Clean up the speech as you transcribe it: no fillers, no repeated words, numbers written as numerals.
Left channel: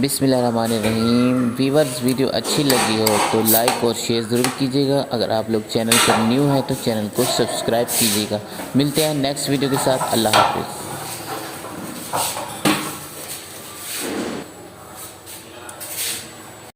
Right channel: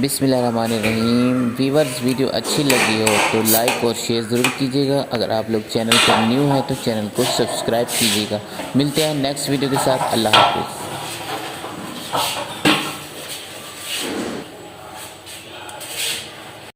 बिस्मिल्लाहिर्रहमानिर्रहीम। Viewers, video अच्छी लगी हो तो लाइक और शेयर ज़रूर कीजिएगा। अगर आप लोग चैनल पर न्यू हैं तो चैनल को सब्सक्राइब कीजिएगा। मिलते हैं नेक्स्ट वीडियो के साथ। अल्लाह हाफिज़।